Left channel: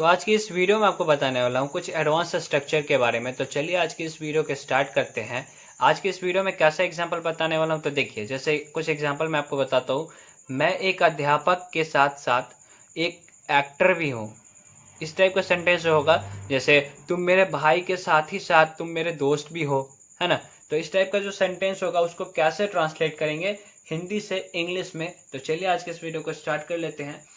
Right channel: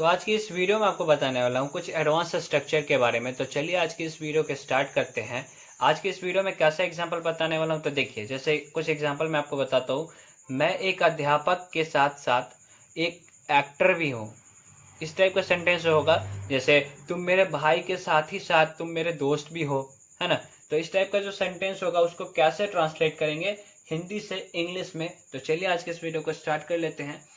तो आज की इस वीडियो में आपको बताने वाला हूँ कुछ एडवांस स्ट्रक्चर के बारे में। तो चलिए आज की इस वीडियो के स्टार्ट करते हैं। आज की इस वीडियो में कैसा एग्जांपल बताने वाला हूँ, तो देखिए जैसे कुछ एग्जांपल मैं आपको बताता हूँ। मैं एक अध्यापक के साथ साथ एक एक्टर भी हूँ। इस टाइप का सेंटेंस होगा, जैसे तुम मेरे भाई के साथ ही साथ तुम मेरे दोस्त भी हो, है ना। तो इस टाइप का जो सेंटेंस होगा उसको कैसे ट्रांसलेट करेंगे हिंदी से इंग्लिश में। तो चलिए आज के इस वीडियो को स्टार्ट कर लेते हैं।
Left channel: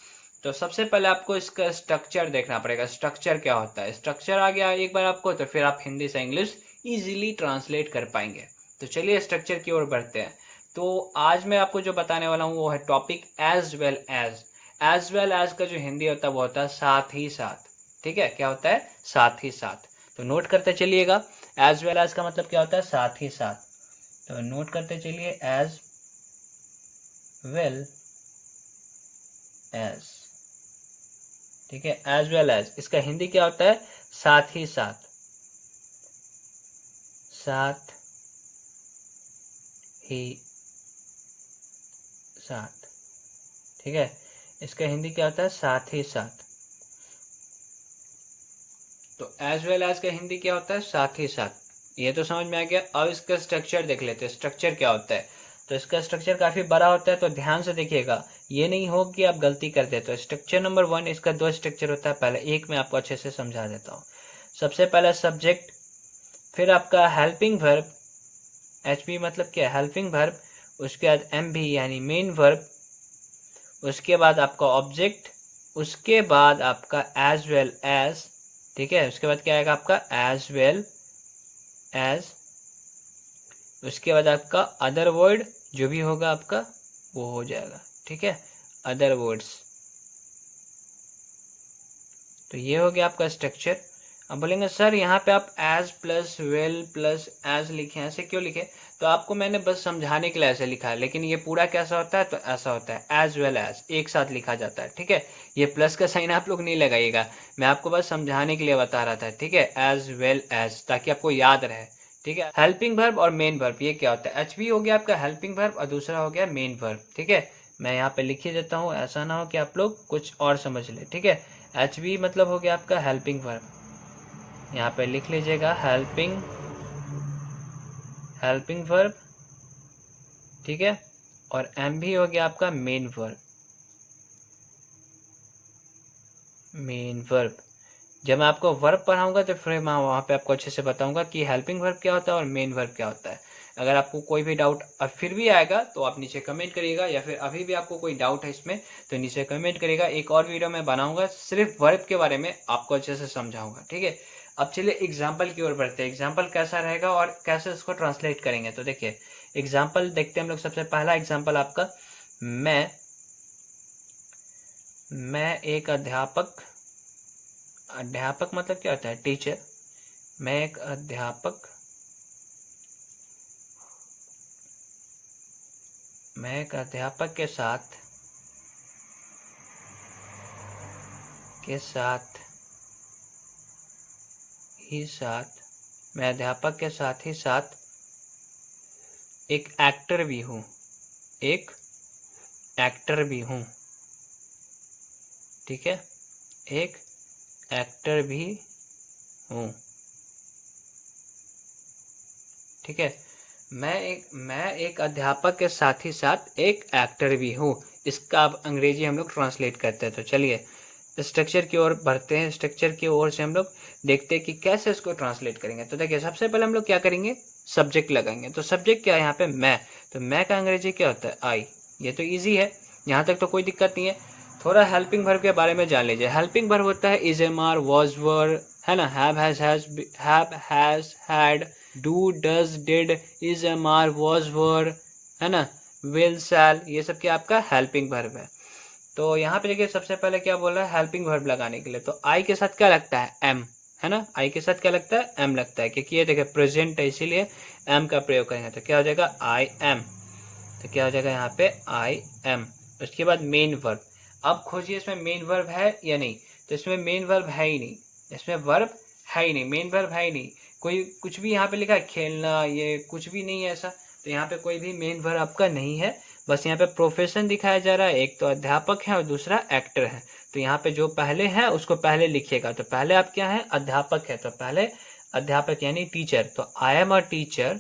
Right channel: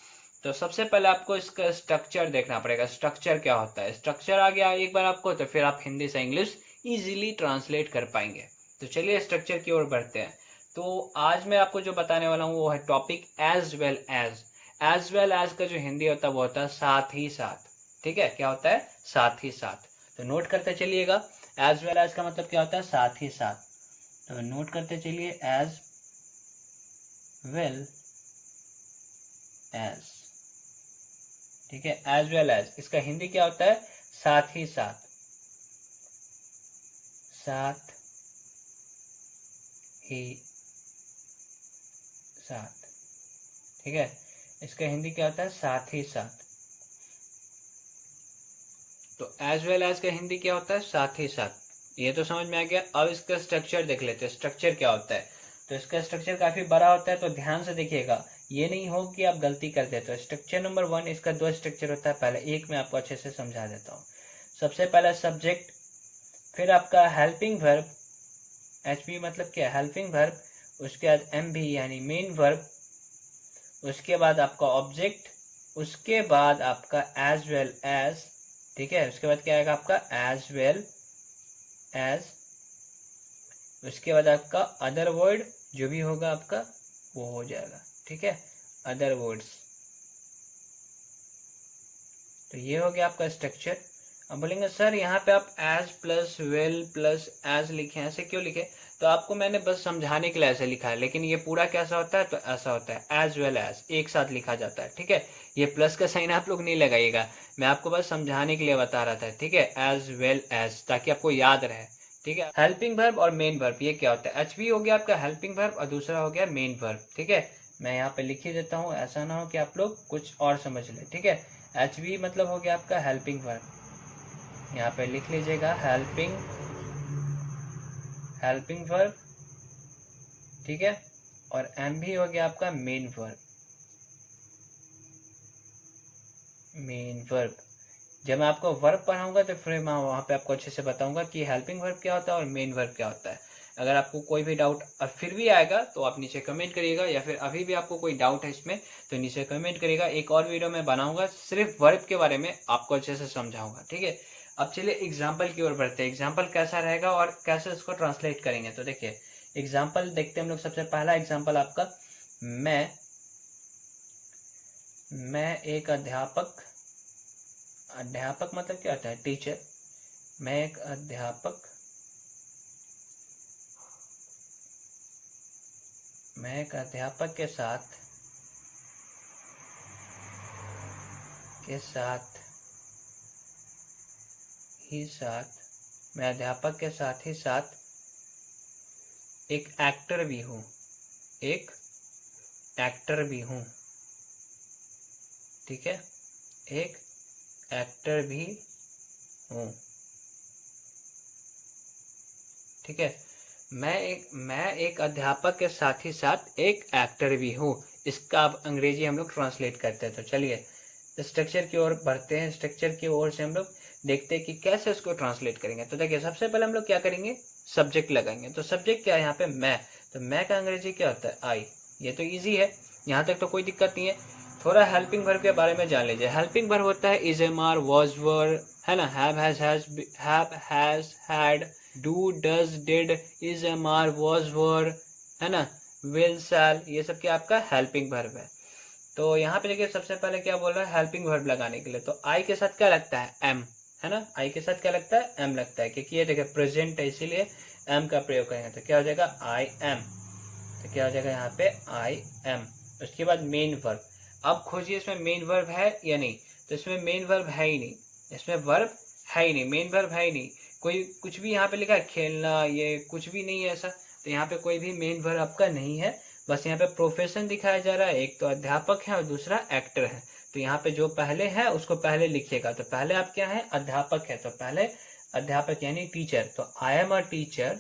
तो सबसे पहले आपको इसका स्ट्रक्चर देखना पड़ेगा। स्ट्रक्चर क्या होता है, स्ट्रक्चर आ गया एक बार आपको, तो फिर आप हिंदी से इंग्लिश इजीली ट्रांसलेट कर पाएंगे। तो चलिए स्ट्रक्चर की ओर बढ़ते हैं। तो आज मैं आपको जो बताने वाला हूँ वो है topic as well as. As well as का जो हिंदी होता है वो होता है साथ ही साथ। ठीक है, क्या होता है, साथ ही साथ। तो नोट करते चलिएगा, एज वेल एज का मतलब क्या होता है, साथ ही साथ। तो नोट करते चलिए, एज वेल एज। ठीक है, एज वेल एज इसका हिंदी क्या होता है, साथ ही साथ। साथ ही साथ। ठीक है, इसका हिंदी क्या होता है, साथ ही साथ। तो एज वेल एज का हिंदी क्या होता है, साथ ही साथ। ये तो समझ में आ गया। अब इसका स्ट्रक्चर देख लेते हैं, स्ट्रक्चर क्या होता है। तो इसका स्ट्रक्चर काफी बड़ा होता है, तो ध्यान से देखिएगा, ये नहीं हो कि आप गलती कर देते हो। स्ट्रक्चर नंबर 1, इसका 2 स्ट्रक्चर होता है। पहले एक मैं आपको अच्छे से समझा देता हूँ। सबसे पहला सब्जेक्ट, फिर आपका हेल्पिंग वर्ब, एचपी मतलब क्या, हेल्पिंग वर्ब। उसके बाद एमवी यानी मेन वर्ब। उसके बाद आपका ऑब्जेक्ट। उसके बाद आपका एज वेल एज। ठीक है, उसके बाद क्या आएगा आपका एज वेल एज। उसके बाद आपका अदर वर्ड जो भी होगा आपका वो हो जाएगा। ठीक है, अदर वर्ड्स। तो ये हो गया आपका स्ट्रक्चर। अब बोलेंगे सर यहाँ पे आप as plus well plus as लिखे, ऐसे क्यों लिखे। तो आपको मैंने बस समझाने के लिए ऐसे लिखा है, लेकिन ये पूरा कैसा होता है, तो ऐसा होता है एज वेल एज एक साथ लिखा जाता है। ठीक है, ये प्लस का साइन आप लोग नहीं लगाइएगा, मैं आपको बस समझाने के लिए बता रहा था। ठीक है, एज वेल एज, ताकि आपको याद रहे। ठीक है, हेल्पिंग वर्ब और मेन वर्ब ये क्या होता है, एचवी हो गया आपका हेल्पिंग वर्ब और दूसरा हो गया मेन वर्ब। ठीक है, मैं यहाँ पे लिख ही देता हूँ, ऐसा ना हो कि आप लोग कुछ और समझ ले। ठीक है, एचवी मतलब हो गया आपका हेल्पिंग वर्ब, यहाँ पे लिख लीजिएगा हेल्पिंग हेल्पिंग वर्ब। ठीक है, और एम भी हो गया आपका मेन वर्ब, मेन वर्ब। जब मैं आपको वर्ब पढ़ाऊंगा तो फिर मैं वहां पे आपको अच्छे से बताऊंगा कि हेल्पिंग वर्ब क्या होता है और मेन वर्ब क्या होता है। अगर आपको कोई भी डाउट और फिर भी आएगा तो आप नीचे कमेंट करिएगा, या फिर अभी भी आपको कोई डाउट है इसमें तो नीचे कमेंट करिएगा। एक और वीडियो मैं बनाऊंगा सिर्फ वर्ब के बारे में, आपको अच्छे से समझाऊंगा। ठीक है, अब चलिए एग्जाम्पल की ओर बढ़ते हैं। एग्जाम्पल कैसा रहेगा और कैसे इसको ट्रांसलेट करेंगे, तो देखिए एग्जाम्पल देखते हैं हम लोग। सबसे पहला एग्जाम्पल आपका, मैं एक अध्यापक। अध्यापक मतलब क्या होता है, टीचर। मैं एक अध्यापक, मैं एक अध्यापक के साथ ही साथ मैं अध्यापक के साथ ही साथ एक एक्टर भी हूँ, एक एक्टर भी हूँ। ठीक है, एक एक्टर भी हूँ। ठीक है, मैं एक अध्यापक के साथ ही साथ एक एक्टर भी हूँ। इसका अब अंग्रेजी हम लोग ट्रांसलेट करते हैं। तो चलिए स्ट्रक्चर की ओर बढ़ते हैं। स्ट्रक्चर की ओर से हम लोग देखते हैं कि कैसे इसको ट्रांसलेट करेंगे। तो देखिए सबसे पहले हम लोग क्या करेंगे, सब्जेक्ट लगाएंगे। तो सब्जेक्ट क्या है यहाँ पे, मैं। तो मैं का अंग्रेजी क्या होता है, आई। ये तो ईजी है, यहाँ तक तो कोई दिक्कत नहीं है। थोड़ा हेल्पिंग वर्ब के बारे में जान लीजिए। हेल्पिंग वर्ब होता है is, am are, was, were, है ना। Have has had, do does did, is, am are, was, were, है ना, विल, शैल, ये सब क्या आपका हेल्पिंग वर्ब है। तो यहाँ पे देखिए सबसे पहले क्या बोल रहा है, हेल्पिंग वर्ब लगाने के लिए। तो आई के साथ क्या लगता है, एम, है ना। आई के साथ क्या लगता है, एम लगता है, क्योंकि ये देखिए प्रेजेंट है इसीलिए एम का प्रयोग करेंगे। तो क्या हो जाएगा, आई एम। तो क्या हो जाएगा यहाँ पे, आई एम। उसके बाद मेन वर्ब। अब खोजिए इसमें मेन वर्ब है या नहीं। तो इसमें मेन वर्ब है ही नहीं, इसमें वर्ब है ही नहीं, मेन वर्ब है ही नहीं। कोई कुछ भी यहाँ पे लिखा है, खेलना, ये कुछ भी नहीं है ऐसा। तो यहाँ पे कोई भी मेन वर्ब आपका नहीं है। बस यहाँ पे प्रोफेशन दिखाया जा रहा है, एक तो अध्यापक है और दूसरा एक्टर है। तो यहाँ पे जो पहले है उसको पहले लिखिएगा। तो पहले आप क्या है, अध्यापक है, तो पहले अध्यापक यानी टीचर। तो I am a teacher,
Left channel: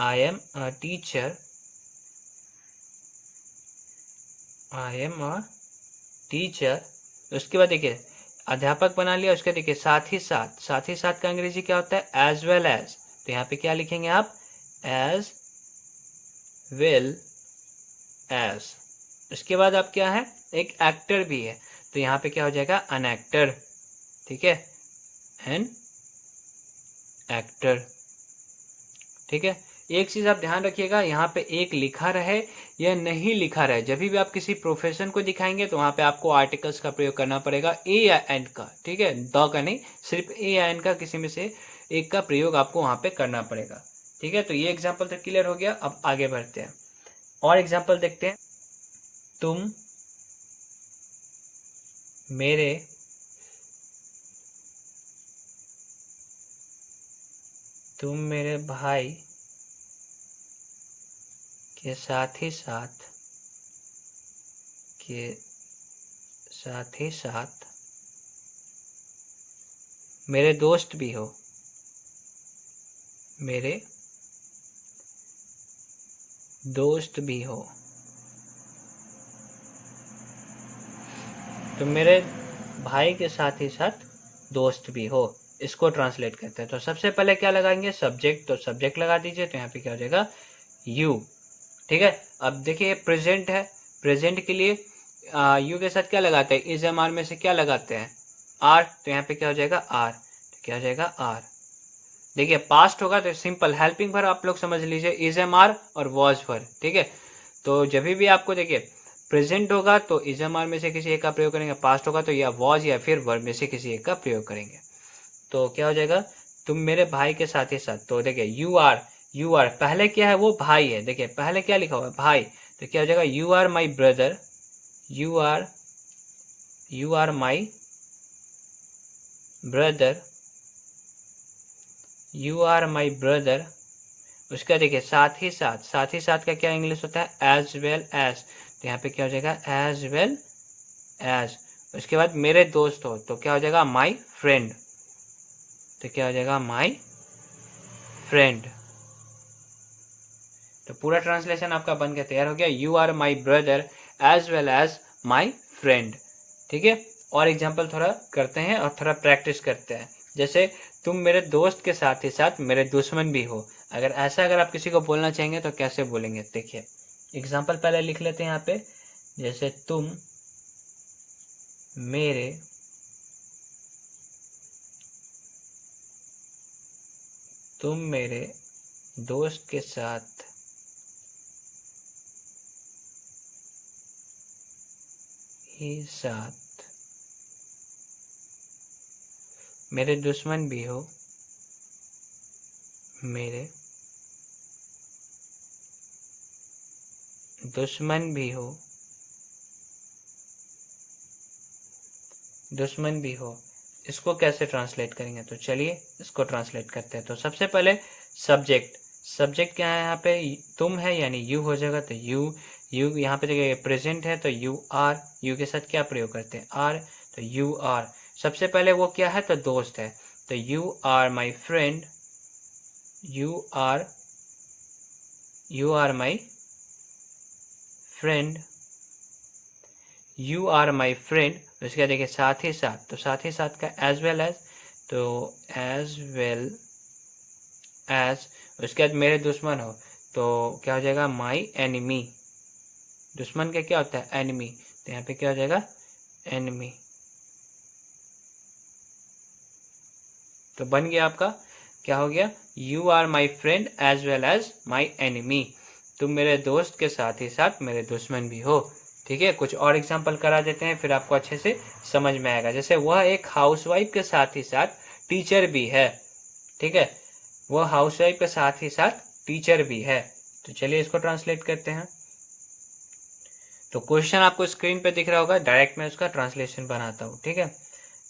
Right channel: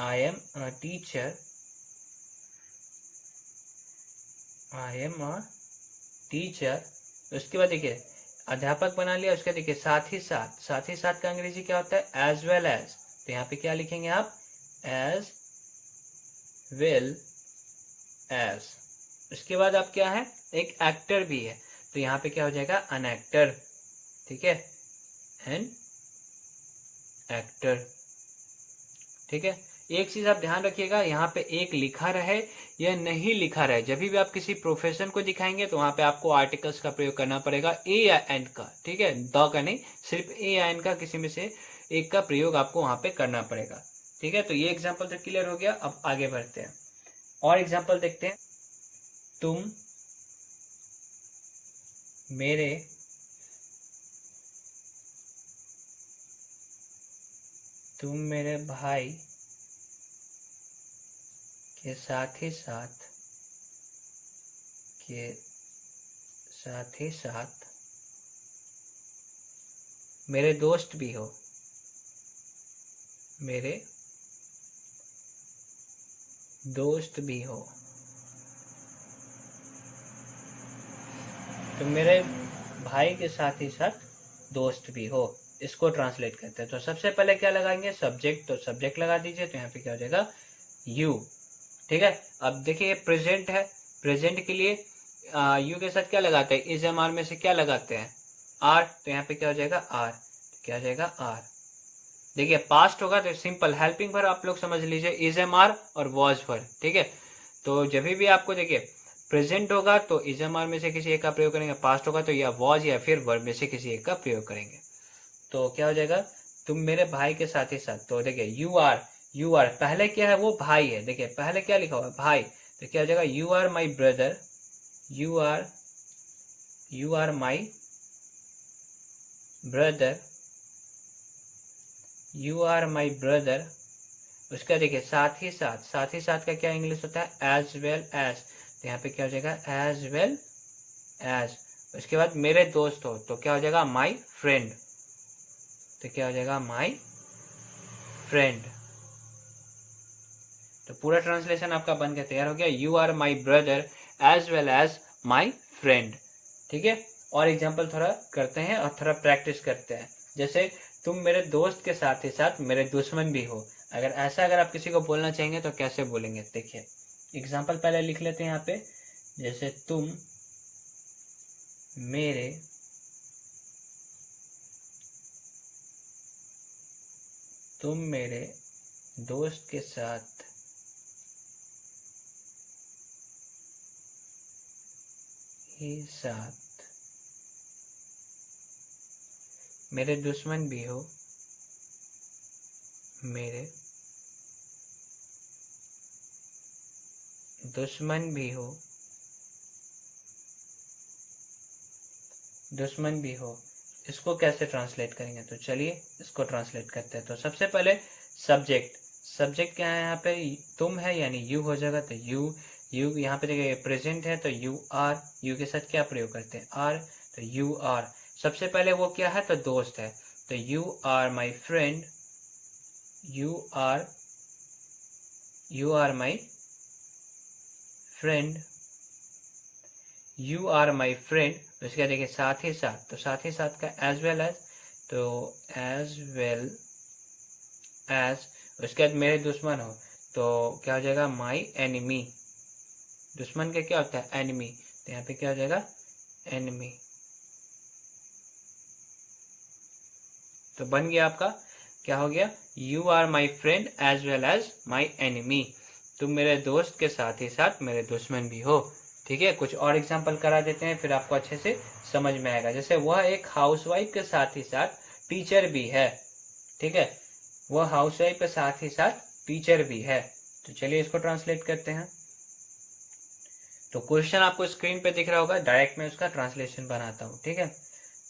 I am a teacher, I am a teacher. उसके बाद देखिए अध्यापक बना लिया, उसके देखिए साथ ही साथ, साथ ही साथ का अंग्रेजी क्या होता है, एज वेल एज। तो यहाँ पे क्या लिखेंगे आप, एज वेल एज। उसके बाद आप क्या है, एक एक्टर भी है, तो यहाँ पे क्या हो जाएगा, एन एक्टर। ठीक है, एन एक्टर। ठीक है, एक चीज आप ध्यान रखिएगा, यहाँ पे एक लिखा रहे या नहीं लिखा रहे, जब भी आप किसी प्रोफेशन को दिखाएंगे तो वहां पे आपको आर्टिकल्स का प्रयोग करना पड़ेगा, ए या एन का। ठीक है, द का नहीं, सिर्फ ए या एन का किसी में से एक का प्रयोग आपको वहां पे करना पड़ेगा। ठीक है, तो ये एग्जाम्पल तो क्लियर हो गया। अब आगे बढ़ते हैं और एग्जाम्पल देखते हैं। तुम मेरे भाई के साथ ही साथ मेरे दोस्त भी हो, मेरे दोस्त भी हो। तो मेरे भाई के साथ ही साथ दोस्त भी हो, इसको ट्रांसलेट करते हैं। तो सबसे पहले क्या लगाएंगे, सब्जेक्ट। तो सब्जेक्ट लगा दीजिए, तो यहाँ पे क्या हो जाएगा, यू। ठीक है, अब देखिए प्रेजेंट है, प्रेजेंट के लिए यू के साथ क्या लगाते हैं, इज एम आर में से क्या लगाते हैं, आर। तो यहाँ पे क्या हो जाएगा, आर। तो क्या हो जाएगा, आर। देखिए पास्ट होगा तो सिंपल हेल्पिंग वर्ब आप लोग समझ लीजिए, इज एम आर और वॉज वर्ब। ठीक है, तो जब भी आपको देखिए प्रेजेंट होगा तो इज एम आर में से किसी एक का प्रयोग करेंगे, पास्ट होगा तो या वॉज या फिर वर्ब में से किसी एक का प्रयोग करेंगे। तो क्या हो जाएगा, तुम मेरे भाई के साथ ही साथ। तो देखिए यू आर, यू आर पहले क्या है, वो भाई है। देखिए पहले क्या लिखा हुआ है, भाई। तो क्या हो जाएगा, you are my brother, you are my brother, you are my brother. उसका देखिए साथ ही साथ, साथ ही साथ का क्या इंग्लिश होता है, एज वेल एज। तो यहाँ पे क्या हो जाएगा, एज वेल एज। उसके बाद मेरे दोस्त हो, तो क्या हो जाएगा, माई फ्रेंड। तो क्या हो जाएगा, माई फ्रेंड। तो पूरा ट्रांसलेशन आपका बन के तैयार हो गया, you are my brother as well as my friend. ठीक है, और एग्जाम्पल थोड़ा करते हैं और थोड़ा प्रैक्टिस करते हैं। जैसे तुम मेरे दोस्त के साथ ही साथ मेरे दुश्मन भी हो। अगर आप किसी को बोलना चाहेंगे तो कैसे बोलेंगे, देखिए एग्जाम्पल पहले लिख लेते हैं यहाँ पे। जैसे तुम मेरे दोस्त के साथ ही साथ मेरे दुश्मन भी हो, मेरे दुश्मन भी हो, दुश्मन भी हो। इसको कैसे ट्रांसलेट करेंगे, तो चलिए इसको ट्रांसलेट करते हैं। तो सबसे पहले सब्जेक्ट, सब्जेक्ट क्या है यहाँ पे, तुम है यानी यू हो जाएगा। तो यू यहाँ पे देखिए प्रेजेंट है तो यू आर, यू के साथ क्या प्रयोग करते हैं, आर। तो यू आर, सबसे पहले वो क्या है, तो दोस्त है। तो you are my friend, you are my friend, you are my friend. उसके देखिए साथ ही साथ, तो साथ ही साथ का एज वेल एज। तो एज वेल एज। उसके बाद मेरे दुश्मन हो, तो क्या हो जाएगा, माई एनिमी। दुश्मन का क्या होता है, एनिमी। तो यहाँ पे क्या हो जाएगा, एनिमी। तो बन गया आपका, क्या हो गया, you are my friend as well as my enemy. तुम मेरे दोस्त के साथ ही साथ मेरे दुश्मन भी हो। ठीक है, कुछ और एग्जाम्पल करा देते हैं, फिर आपको अच्छे से समझ में आएगा। जैसे वह एक हाउसवाइफ के साथ ही साथ टीचर भी है। ठीक है, वह हाउसवाइफ के साथ ही साथ टीचर भी है। तो चलिए इसको ट्रांसलेट करते हैं। तो क्वेश्चन आपको स्क्रीन पे दिख रहा होगा, डायरेक्ट मैं उसका ट्रांसलेशन बनाता हूँ। ठीक है,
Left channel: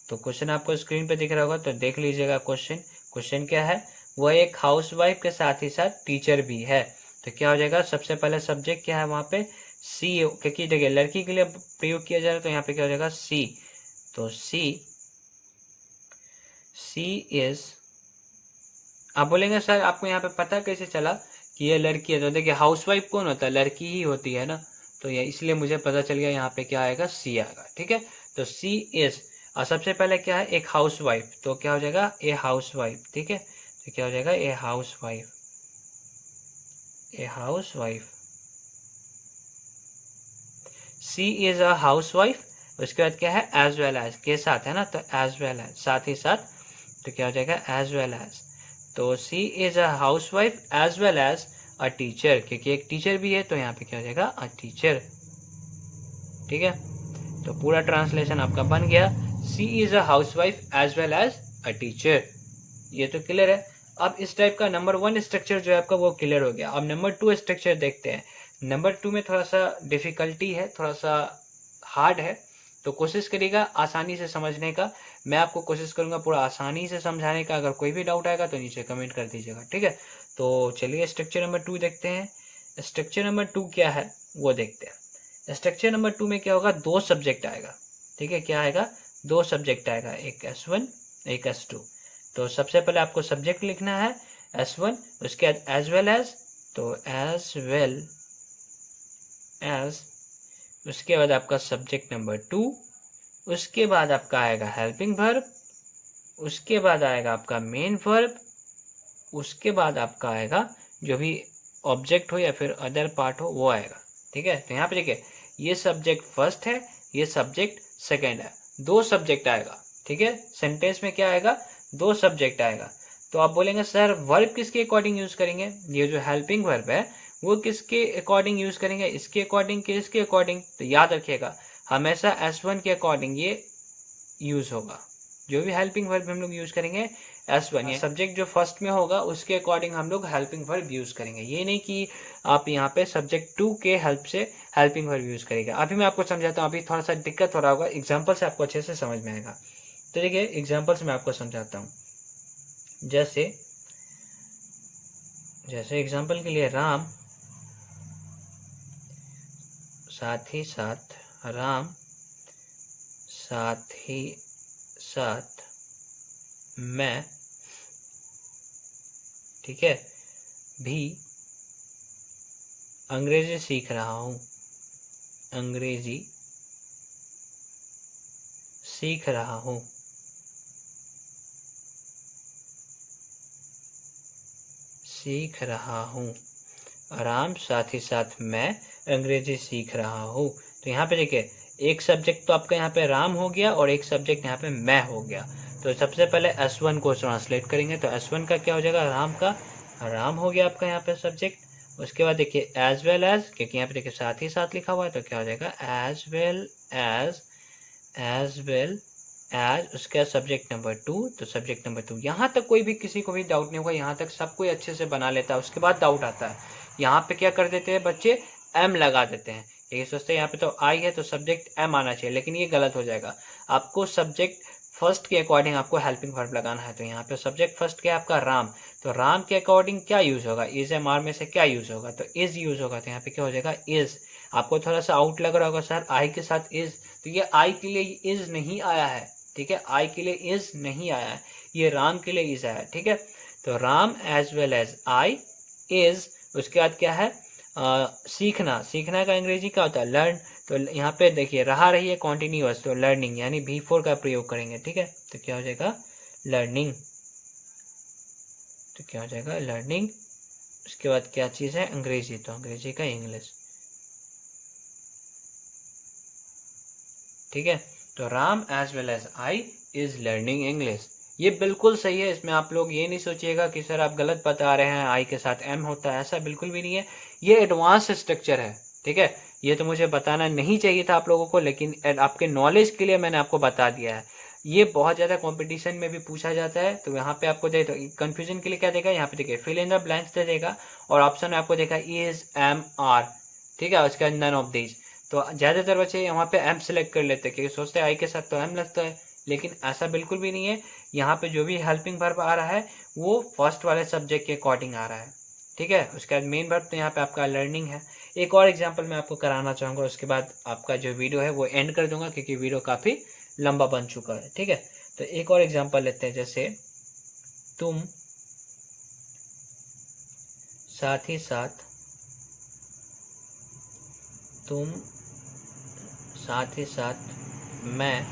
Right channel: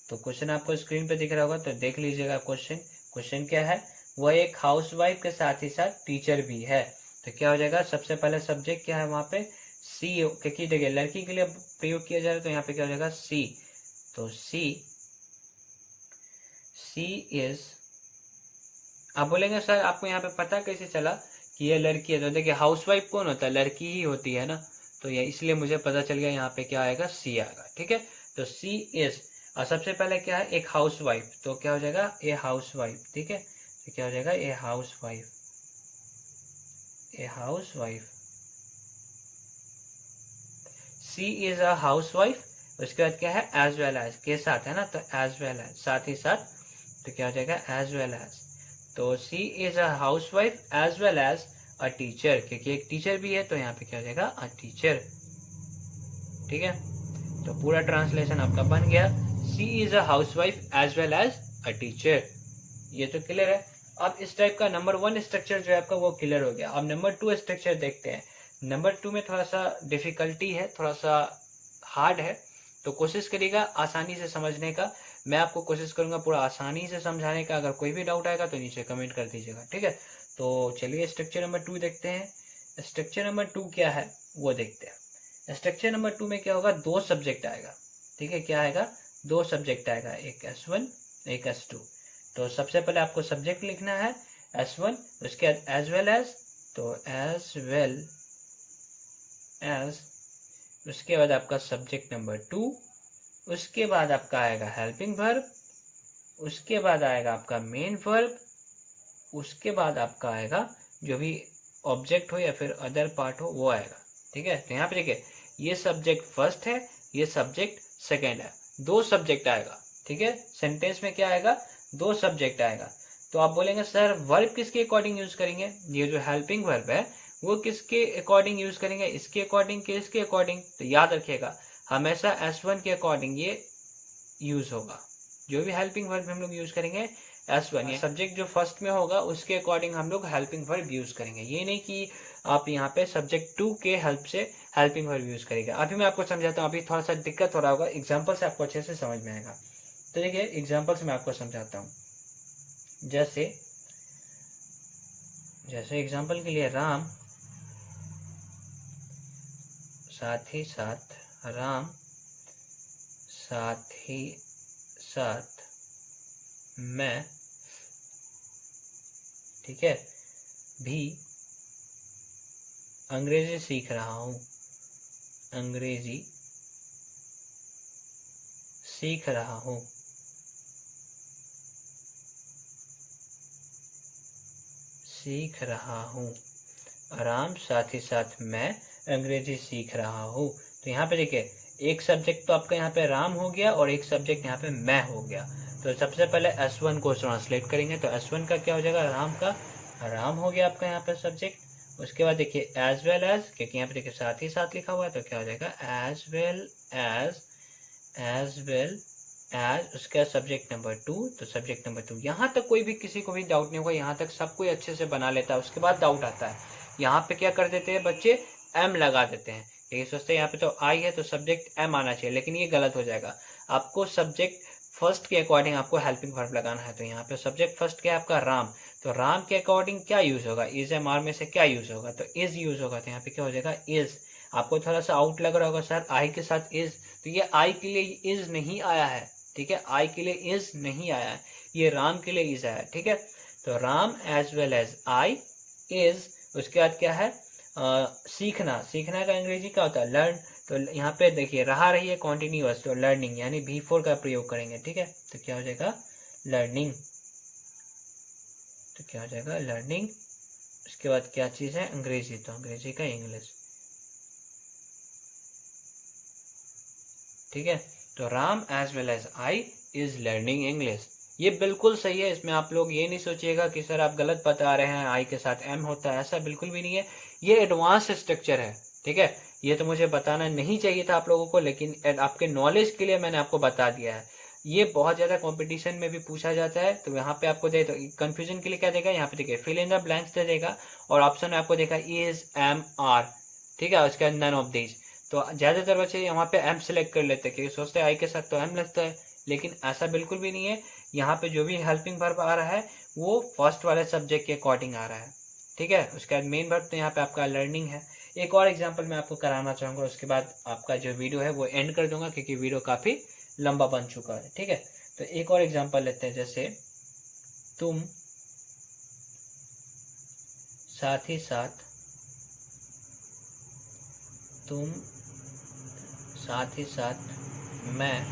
तो क्वेश्चन आपको स्क्रीन पे दिख रहा होगा, तो देख लीजिएगा क्वेश्चन। क्वेश्चन क्या है, वह एक हाउसवाइफ के साथ ही साथ टीचर भी है। तो क्या हो जाएगा, सबसे पहले सब्जेक्ट क्या है वहां पे, सी, क्योंकि देखिए लड़की के लिए प्रयोग किया जा रहा है तो यहाँ पे क्या हो जाएगा सी। तो सी इज, आप बोलेंगे सर आपको यहाँ पे पता कैसे चला कि ये लड़की है? तो देखिए हाउसवाइफ कौन होता है? लड़की ही होती है ना, तो ये इसलिए मुझे पता चल गया यहाँ पे क्या आएगा, सी आएगा। ठीक है, तो सी इज, और सबसे पहले क्या है, एक हाउसवाइफ, तो क्या हो जाएगा ए हाउसवाइफ। ठीक है, तो क्या हो जाएगा a housewife, a housewife. She is a housewife, उसके बाद क्या है एज वेल एज, के साथ है ना, तो एज वेल एज, साथ ही साथ, तो क्या हो जाएगा एज वेल एज। तो she is a housewife as well as a teacher, क्योंकि एक टीचर भी है, तो यहाँ पे क्या हो जाएगा अ टीचर। ठीक है, तो पूरा ट्रांसलेशन आपका बन गया, she is a housewife as well as a teacher. ये तो क्लियर है। अब इस टाइप का नंबर 1 स्ट्रक्चर जो है आपका वो क्लियर हो गया। अब नंबर 2 स्ट्रक्चर देखते हैं। नंबर 2 में थोड़ा सा डिफिकल्टी है, थोड़ा सा हार्ड है, तो कोशिश करिएगा आसानी से समझने का। मैं आपको कोशिश करूंगा पूरा आसानी से समझाने का। अगर कोई भी डाउट आएगा तो नीचे कमेंट कर दीजिएगा। ठीक है, तो चलिए स्ट्रक्चर नंबर 2 देखते हैं। स्ट्रक्चर नंबर 2 क्या है वो देखते हैं। स्ट्रक्चर नंबर 2 में क्या होगा, 2 सब्जेक्ट आएगा। ठीक है, क्या आएगा, 2 सब्जेक्ट आएगा, एक S1 एक S2। तो सबसे पहले आपको सब्जेक्ट लिखना है S1, उसके बाद एज वेल एज, तो एज वेल एज, उसके बाद आपका सब्जेक्ट नंबर 2, उसके बाद आपका आएगा हेल्पिंग वर्ब, उसके बाद आएगा आपका मेन वर्ब, उसके बाद आपका आएगा जो भी ऑब्जेक्ट हो या फिर अदर पार्ट हो वो आएगा। ठीक है, तो यहाँ पे देखिए ये सब्जेक्ट फर्स्ट है, ये सब्जेक्ट सेकेंड है, 2 सब्जेक्ट आएगा। ठीक है, सेंटेंस में क्या आएगा, 2 सब्जेक्ट आएगा। तो आप बोलेंगे सर वर्ब किसके अकॉर्डिंग यूज करेंगे, ये जो हेल्पिंग वर्ब है वो किसके अकॉर्डिंग यूज करेंगे, इसके अकॉर्डिंग के इसके अकॉर्डिंग? तो याद रखिएगा हमेशा S1 के अकॉर्डिंग ये यूज होगा। जो भी हेल्पिंग वर्ब हम लोग यूज करेंगे S1, या सब्जेक्ट जो फर्स्ट में होगा उसके अकॉर्डिंग हम लोग हेल्पिंग वर्ब यूज करेंगे। ये नहीं कि आप यहाँ पे सब्जेक्ट 2 के हेल्प से हेल्पिंग वर्ब यूज करेंगे। अभी मैं आपको समझाता हूँ, अभी थोड़ा सा दिक्कत हो रहा होगा, एग्जाम्पल से आपको अच्छे से समझ में आएगा। तो देखिए एग्जाम्पल से मैं आपको समझाता हूँ। जैसे एग्जाम्पल के लिए राम, साथ ही साथ राम, साथ ही साथ मैं, ठीक है, भी अंग्रेजी सीख रहा हूँ, अंग्रेजी सीख रहा हूँ। सीख रहा हूँ, आराम, साथ ही साथ मैं अंग्रेजी सीख रहा हूँ। तो यहाँ पे देखिए एक सब्जेक्ट तो आपका यहाँ पे राम हो गया और एक सब्जेक्ट यहाँ पे मैं हो गया। तो सबसे पहले S1 को ट्रांसलेट करेंगे, तो S1 का क्या हो जाएगा, राम का, राम हो गया आपका यहाँ पे सब्जेक्ट। उसके बाद देखिए एज वेल एज, क्योंकि यहाँ पे देखिए साथ ही साथ लिखा हुआ है, तो क्या हो जाएगा as well as, as well as, उसका सब्जेक्ट नंबर 2, तो सब्जेक्ट नंबर 2। यहाँ तक कोई भी किसी को भी डाउट नहीं होगा, यहाँ तक सब कोई अच्छे से बना लेता है। उसके बाद डाउट आता है, यहाँ पे क्या कर देते हैं बच्चे, एम लगा देते हैं। ये सोचते हैं यहाँ पे तो आई है तो सब्जेक्ट एम आना चाहिए, लेकिन ये गलत हो जाएगा। आपको सब्जेक्ट फर्स्ट के अकॉर्डिंग आपको हेल्पिंग वर्ब लगाना है। तो यहाँ पे सब्जेक्ट फर्स्ट क्या है आपका राम, तो राम के अकॉर्डिंग क्या यूज होगा, इज एम आर में से क्या यूज होगा, तो इज यूज होगा। तो यहाँ पे क्या हो जाएगा इज। आपको थोड़ा सा आउट लग रहा होगा सर आई के साथ इज, तो ये आई के लिए इज नहीं आया है। ठीक है, आई के लिए इज नहीं आया है, ये राम के लिए इज आया है। ठीक है, तो Ram as well as I is, उसके बाद क्या है सीखना, सीखना का अंग्रेजी क्या होता है लर्न। तो यहाँ पे देखिए रहा रही है कॉन्टिन्यूअस, तो लर्निंग यानी V4 का प्रयोग करेंगे। ठीक है, तो क्या हो जाएगा लर्निंग, तो क्या हो जाएगा लर्निंग। उसके बाद क्या चीज है अंग्रेजी, तो अंग्रेजी का इंग्लिश। ठीक है, तो Ram as well as I is learning English. ये बिल्कुल सही है, इसमें आप लोग ये नहीं सोचिएगा कि सर आप गलत बता रहे हैं, आई के साथ एम होता है, ऐसा बिल्कुल भी नहीं है। ये एडवांस स्ट्रक्चर है। ठीक है, ये तो मुझे बताना नहीं चाहिए था आप लोगों को, लेकिन आपके नॉलेज के लिए मैंने आपको बता दिया है। ये बहुत ज्यादा कंपटीशन में भी पूछा जाता है। तो यहाँ पे आपको दे, तो कंफ्यूजन के लिए क्या देगा, यहाँ पे देखिए फिल इन द ब्लैंक्स दे देगा, और ऑप्शन में आपको देखा इज एम आर। ठीक है, उसके बाद नन ऑफ दीज। तो ज्यादातर बच्चे यहाँ पे एम सेलेक्ट कर लेते हैं क्योंकि सोचते हैं आई के साथ तो एम लगता है, लेकिन ऐसा बिल्कुल भी नहीं है। यहाँ पे जो भी हेल्पिंग वर्ब आ रहा है वो फर्स्ट वाले सब्जेक्ट के अकॉर्डिंग आ रहा है। ठीक है, उसके बाद मेन वर्ब तो यहाँ पे आपका लर्निंग है। एक और एग्जांपल मैं आपको कराना चाहूँगा, उसके बाद आपका जो वीडियो है वो एंड कर दूंगा, क्योंकि वीडियो काफ़ी लंबा बन चुका है। ठीक है, तो एक और एग्जांपल लेते हैं, जैसे तुम साथ ही साथ मैं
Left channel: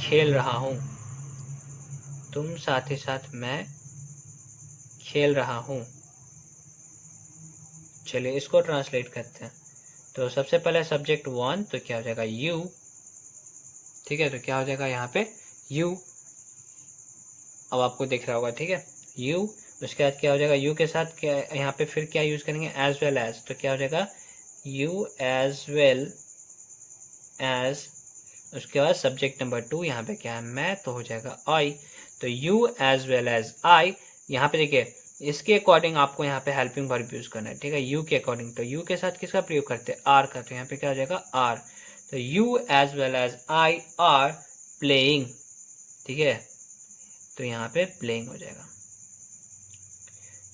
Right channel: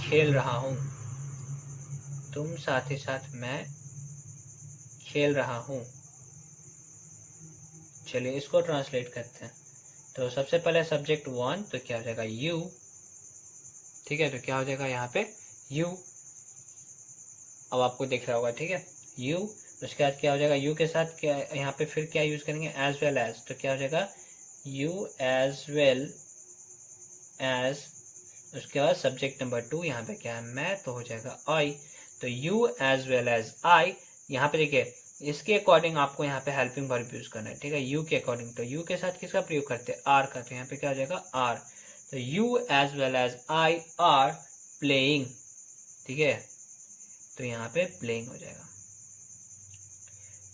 खेल रहा हूँ। तुम साथ ही साथ मैं खेल रहा हूँ। चलिए इसको ट्रांसलेट करते हैं। तो सबसे पहले सब्जेक्ट 1, तो क्या हो जाएगा यू। ठीक है, तो क्या हो जाएगा यहाँ पे यू, अब आपको दिख रहा होगा। ठीक है, यू। उसके बाद क्या हो जाएगा यू के साथ क्या यहाँ पे फिर क्या यूज करेंगे, एज वेल एज, तो क्या हो जाएगा यू एज वेल एज। उसके बाद सब्जेक्ट नंबर 2 यहाँ पे क्या है मैं, तो हो जाएगा आई। तो you as well as I. यहाँ पे देखिए इसके अकॉर्डिंग आपको यहाँ पे हेल्पिंग वर्ब यूज करना है। ठीक है, यू के अकॉर्डिंग, तो यू के साथ किसका प्रयोग करते हैं, आर का, तो यहाँ पे क्या हो जाएगा आर। तो you as well as I are playing. ठीक है, तो यहाँ पे प्लेइंग हो जाएगा।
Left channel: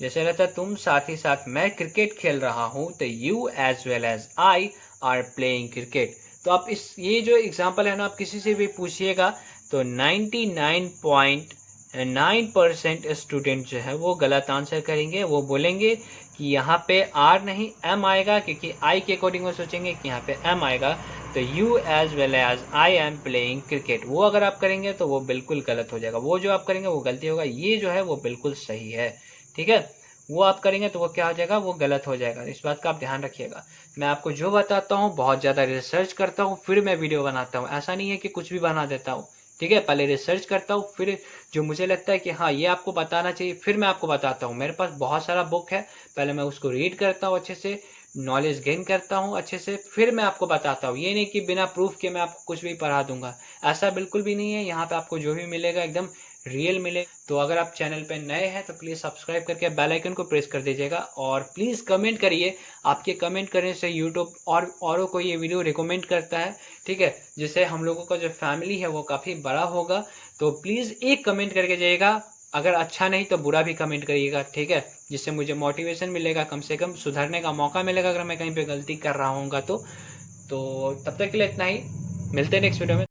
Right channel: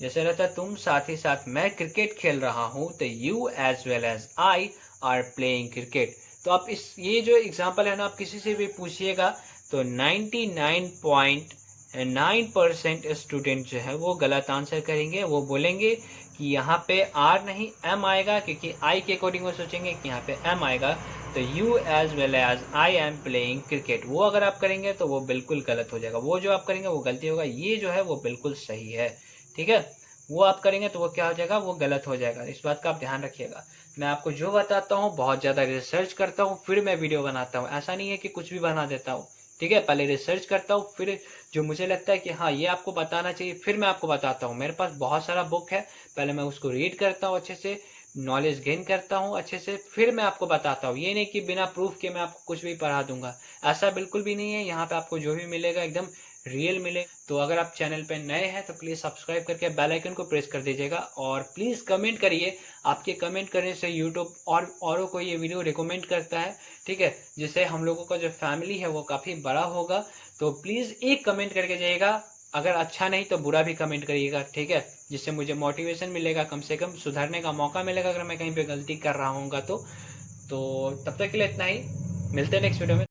जैसे रहता तुम साथ ही साथ मैं क्रिकेट खेल रहा हूँ, तो you as well as I are playing cricket. तो आप ये जो एग्जाम्पल है ना, आप किसी से भी पूछिएगा तो 99.9% स्टूडेंट जो है वो गलत आंसर करेंगे। वो बोलेंगे कि यहाँ पे आर नहीं एम आएगा, क्योंकि आई के अकॉर्डिंग वो सोचेंगे कि यहाँ पे एम आएगा। तो you as well as I am playing cricket, वो अगर आप करेंगे तो वो बिल्कुल गलत हो जाएगा। वो जो आप करेंगे वो गलती होगा, ये जो है वो बिल्कुल सही है। ठीक है, वो आप करेंगे तो वो क्या हो जाएगा, वो गलत हो जाएगा। इस बात का आप ध्यान रखिएगा। मैं आपको जो बताता हूँ बहुत ज़्यादा रिसर्च करता हूँ, फिर मैं वीडियो बनाता हूँ। ऐसा नहीं है कि कुछ भी बना देता हूँ। ठीक है, पहले रिसर्च करता हूँ, फिर जो मुझे लगता है कि हाँ ये आपको बताना चाहिए, फिर मैं आपको बताता हूँ। मेरे पास बहुत सारा बुक है, पहले मैं उसको रीड करता हूँ अच्छे से, नॉलेज गेन करता हूँ अच्छे से, फिर मैं आपको बताता हूँ। ये नहीं कि बिना प्रूफ के मैं आपको कुछ भी पढ़ा दूंगा, ऐसा बिल्कुल भी नहीं है। यहाँ पे आपको जो भी मिलेगा एकदम रियल मिले। तो अगर आप चैनल पे नए हैं तो प्लीज़ सब्सक्राइब करके बेल आइकन को प्रेस कर दीजिएगा, और प्लीज़ कमेंट करिए। आपके कमेंट करने से यूट्यूब और औरों को ये वीडियो रिकमेंड करता है। ठीक है, जिससे हम लोगों का जो फैमिली है वो काफ़ी बड़ा होगा। तो प्लीज़ एक कमेंट करके जाइएगा, अगर अच्छा नहीं तो बुरा भी कमेंट करिएगा। ठीक है, जिससे मुझे मोटिवेशन मिलेगा, कम से कम सुधरने का मौका मिलेगा अगर मैं कहीं पे गलती कर रहा हूँगा तो तब तक के लिए इतना ही। मिलते हैं नेक्स्ट वीडियो में।